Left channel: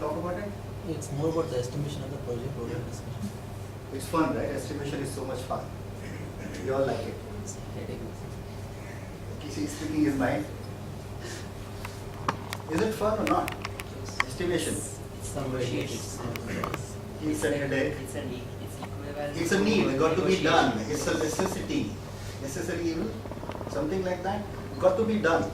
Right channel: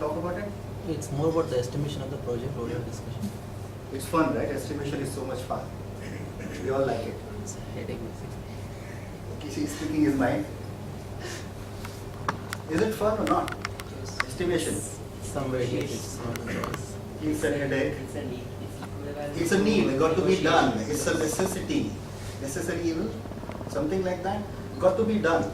talk about it? It's more about the estimation of the project or discussion. It's fun, right? Estimation is so much fun. We all like it. It's a headache. Kishi is speaking his mind. Is it fun or not? Yes. Estimation. Somewhere here it's not always. It's a headache. It's a need. It's equivalent. It's a need. It got to be negotiation. done. It's a necessity. Necessary evil. Something like that. Got to be done.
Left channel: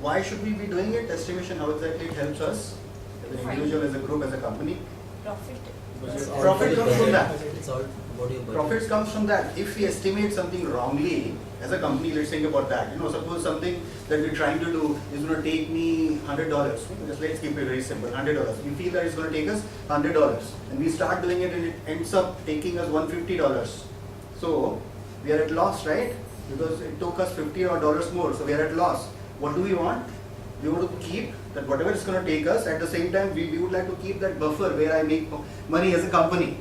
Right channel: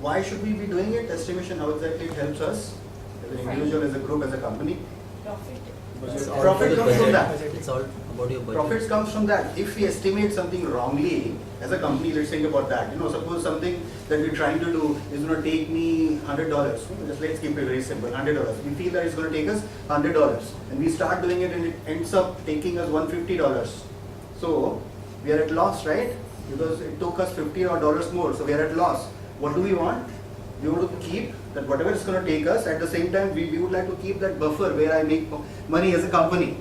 Why should we be doing it? Estimation, how exactly it helps us as an individual, as a group, as a company. Profit. It's all Profit for the comes from budget. that. It's all about your budget. Profits comes from that. If we estimate something wrongly, as a company, let's think about that. Suppose something that we're trying to do is going to take me $100. Just let's keep it very simple, $100. We feel that it's going to take us $100, and we start doing it, and it ends up taking us $150. So we are at loss, right? Because it took us $50 more, so we are at loss. What do we want? We want to keep that whatever it's going to take us. At the same time, we would like to keep that buffer where I make money as a company.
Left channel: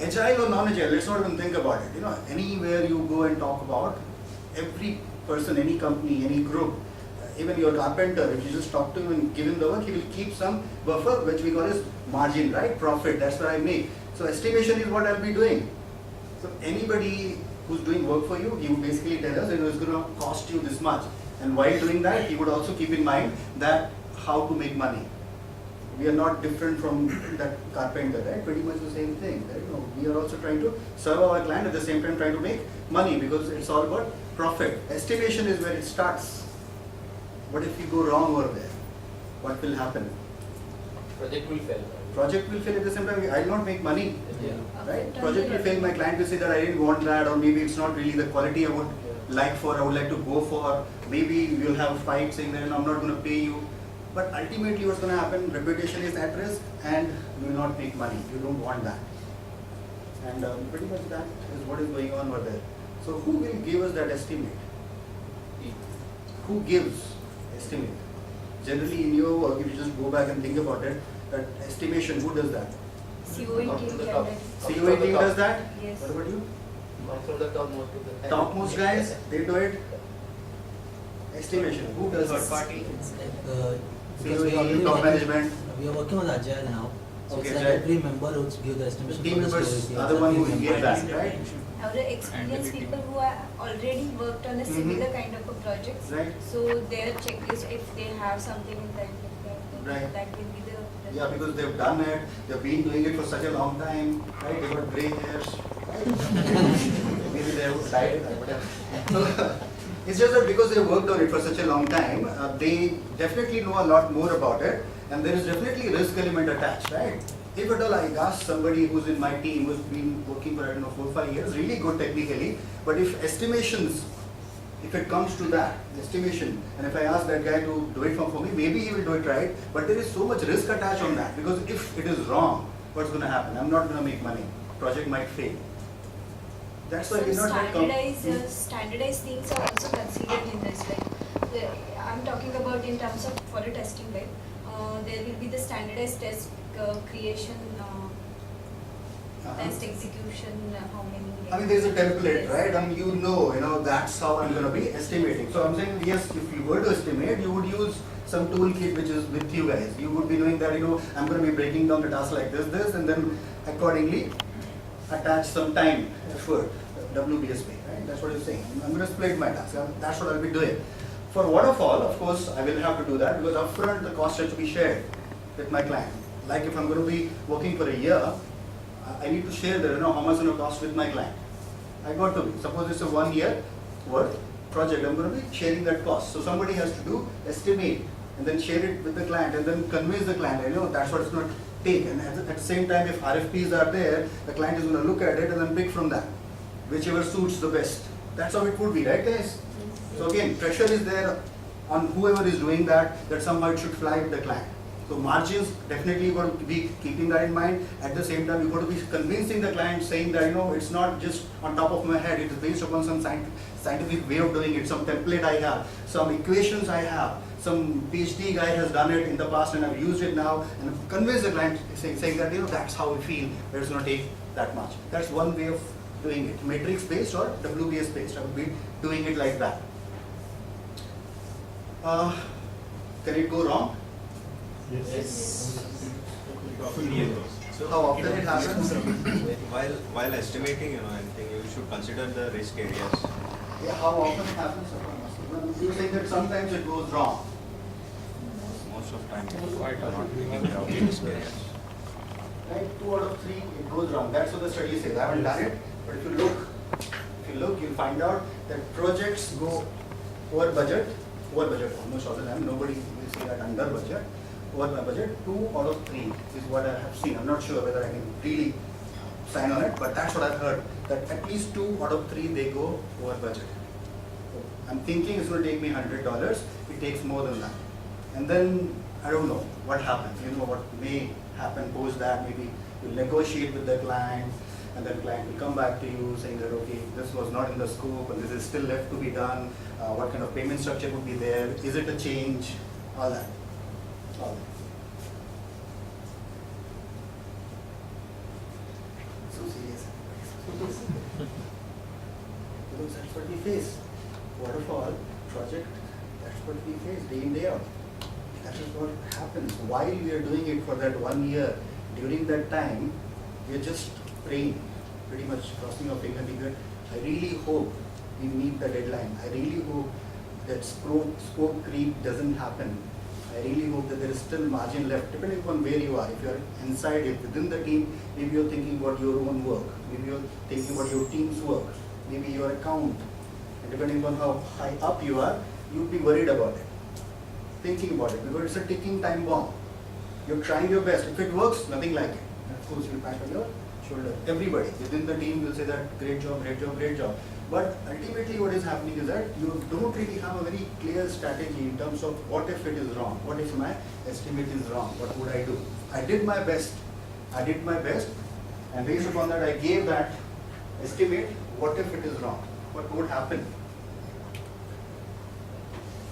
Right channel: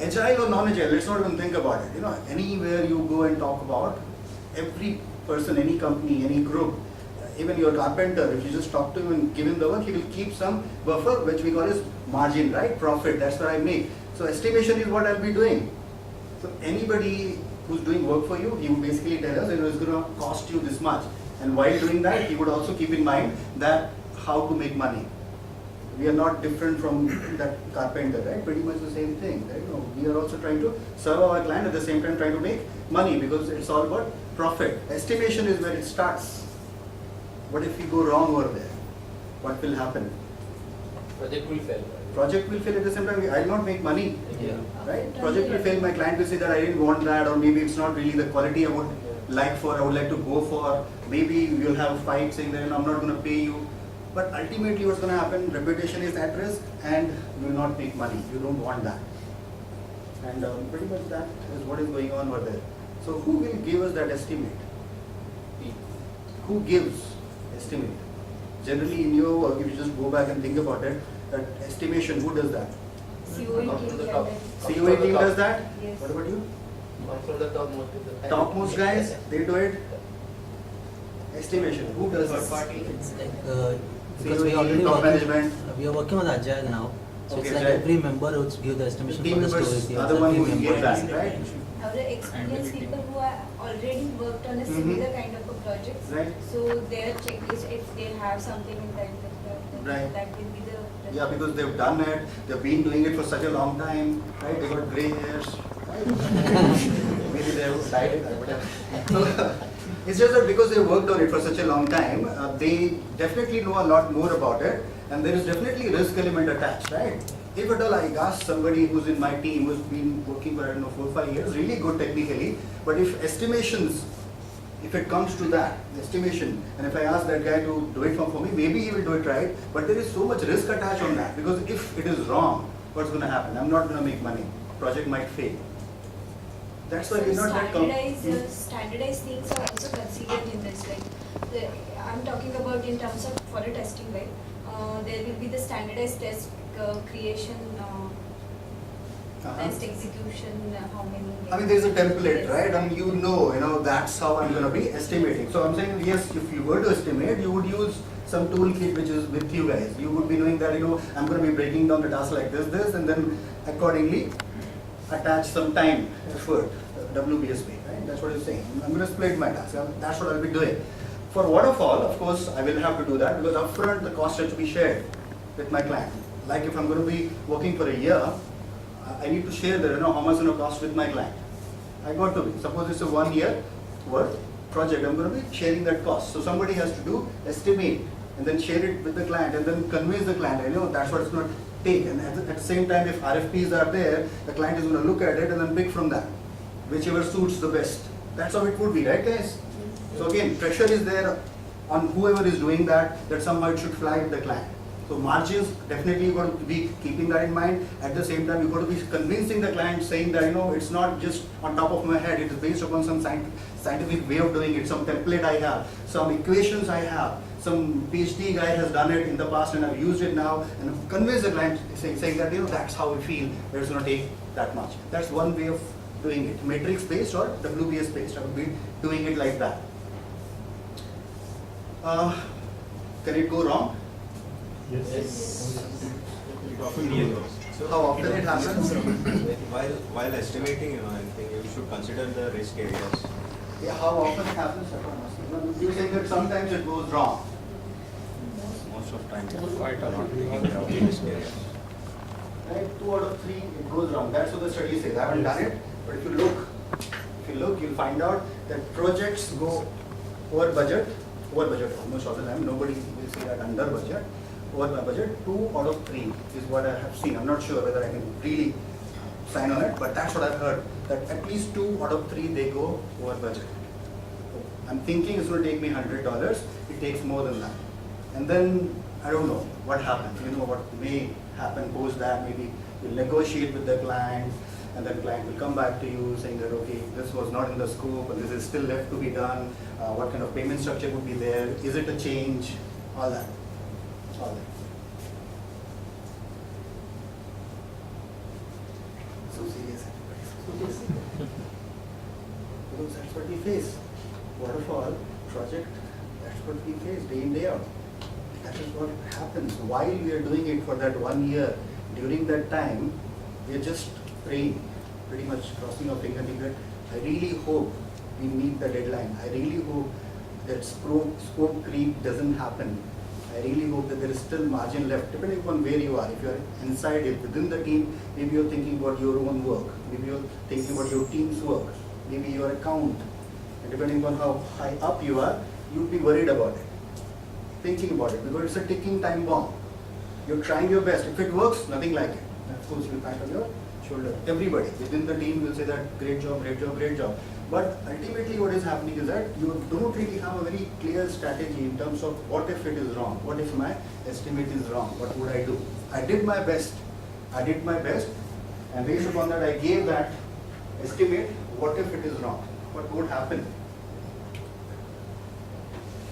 Agile or non-agile, let's not even think about it. Anywhere you go and talk about, every person, any company, any group, even your carpenter, if you just talk to him and give him the work, he will keep some buffer, which we call as margin, right? Profit, that's what I make. So estimation is what I'll be doing. So anybody who's doing work for you, he would basically tell us it's going to cost you this much. And while doing that, he would also keep in mind that how to make money. We are not different from that carpenter, right? Pretty much the same thing, right? We are also trying to serve our client, at the same time trying to make money, because it's all about profit. Estimation is where it starts. What if we go wrong over there? What will happen? Project will fail. Right? Project will fail, at the same time I will not make money, Yeah. right? Project will fail, my client will say that I didn't want that, or maybe it's not really the quality I would like for, I would like to go for. Maybe we'll have a fight saying that I'm not going to pay you. But ultimately what's going to happen, reputation is at risk and you will not make money. You don't want that. And pretty much that is what is going on over there. So who will give us that estimate? Who gives estimate? Generally in your work, if you just go back and think about it, that estimation, who does that? COE Come team from the can top. do. COE team does that? Yes. What about you? Come from the top most of the time. Topmost guys, they do it. Estimation, who does Third this? party. It's like because we COE, already top working, management. we are working on Agile now. So Okay, it's like right. every member who give the The estimation team for the members story. are the one who will give member. that, right? Our experienced people who are already worked on a similar kind of a project. Right. So their checklist, if they have something in that, then Right. that will be the. Yeah, because they've done it, they've been doing it for such a long time, right? They got grey hairs, right? Maybe they have died, whatever. So, it's just that because they worked on it for such a long time, they definitely know a lot more about it, and there is definitely a risk element attached, right? If at all I ask somebody who's in my team who's been working for, I don't know, 4 or 5 years, really good technically, but if estimations, if it comes to that, estimation, and if I ask that guy to do it for me, maybe he will do it right, but there is so much risk attached on that, because if it is wrong, what's going to happen? I'm not going to make money. Project might fail. That's why So we're not that standardized things are also considered in this. I'm talking about in terms of for a testing, right? There will be the standardized test creation, test execution, how many. I mean, there's a template, right? And you know, that's how I'm going to be estimating. So I'm saying, yes, if you were to estimate, you would use some toolkit which is with you guys. You would be knowing that, I'm going to be breaking down the task like this, and then accordingly attach some time, effort, WBSP, right? That's what you're saying. I'm going to split my task. That's what I'll be doing. For waterfall, of course, I will have to do that, because upfront the cost has to be shared with my client. Like if I'm going to be working for a year, I need to share that, how much it's going to cost with my client. I got to be. Suppose it's a 1 year worth project, I'm going to be sharing that cost. So somebody has to do estimate and then share it with the client and then convince the client, that's what it's going to take. And at the same time, if RFPs are there, the client is going to look at it and then pick from that, whichever suits the best. That's how it would be, right guys? So again, pressure is there on whoever is doing that somehow it should fly with the client. So margins, definitely you got to be keeping that in mind. At the same time, you got to be convincing the client, saying that it's not just on top of my head, it is based upon some scientific way of doing it, some template I have, some equations I have, some PhD guy has done it in the past and I've used it now, and convince the client saying that that's how we feel, that it's going to take that much. That's one way of doing it, matrix based or WBS based. I would be doing it like that. Can it go wrong? It often happens. How often it happens? While estimating, I think you should consider the risk areas. Yeah, how often it happens? You say that sometimes it goes wrong. Most of time, you are not taking care of the risk areas. Right? 2 out of 3 it goes wrong. That's what the study says. I haven't done it, but if you look, you'll find out that projects go over budget almost all the time. Nobody will say that under budget. Over budget, 2 out of 3 is what I have seen. I'm not sure whether I can really sign on it, but that's what I've heard. That at least 2 out of 3 they go over budget. I'm thinking it's going to take me $100. It takes more than that. And then I don't know what happens. You know what may happen post that. Maybe you'll negotiate with the client, and then client will come back to you saying that okay, this was not in the scope, and this is still left to be done. What kind of payment structure would be there? Is it a change? All that. All that. So serious. Everybody, so serious. Because that's what we face. Waterfall project, that's what we face day in, day out. That is what happens. While we are doing it for that 1 year, during that time, we are just praying, pretty much crossing our finger thinking, I really hope we meet the deadline. I really hope that scope creep doesn't happen. I really hope that there is still margin left, depending upon where you are. If you are inside it, within the team, maybe you're thinking about your own work. Maybe you're thinking about your team's work. Maybe your account. And depending on how high up you are, you'd be worried about it, thinking about it, because it's a ticking time bomb. You're trying your best. If it works, nothing like it. And of course, you'll pat on your shoulder. Everybody within the team will say that great job, great job, great job. But ultimately, what is happening is that you don't really have a very clear strategy in terms of what if it is wrong? What if my estimate is wrong? What would I do? I did my best. And based upon that, I gave that estimate. What if it is wrong? What would happen?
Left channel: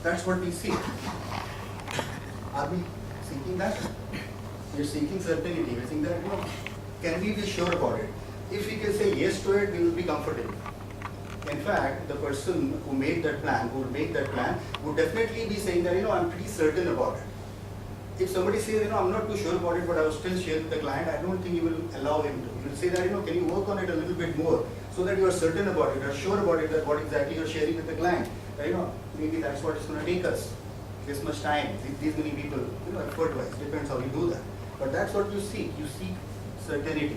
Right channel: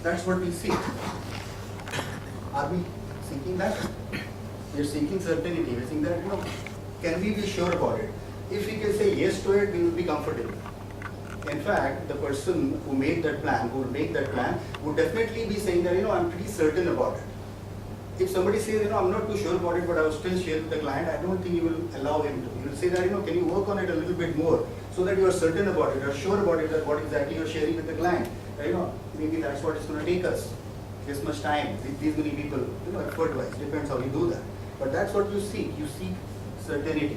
That's what we seek. Are we seeking that? We're seeking certainty. We're seeking that, can we be sure about it? If we can say yes to it, we will be comfortable. In fact, the person who made that plan, who would make that plan, would definitely be saying that, I'm pretty certain about it. If somebody says, I'm not too sure about it, but I will still share with the client, I don't think you will allow him to. You will say that, can you work on it a little bit more so that you are certain about it, or sure about it, that what exactly you are sharing with the client. Maybe that's what it's going to take us. This much time, these many people, effort-wise, depends how you do that. But that's what you seek. You seek certainty.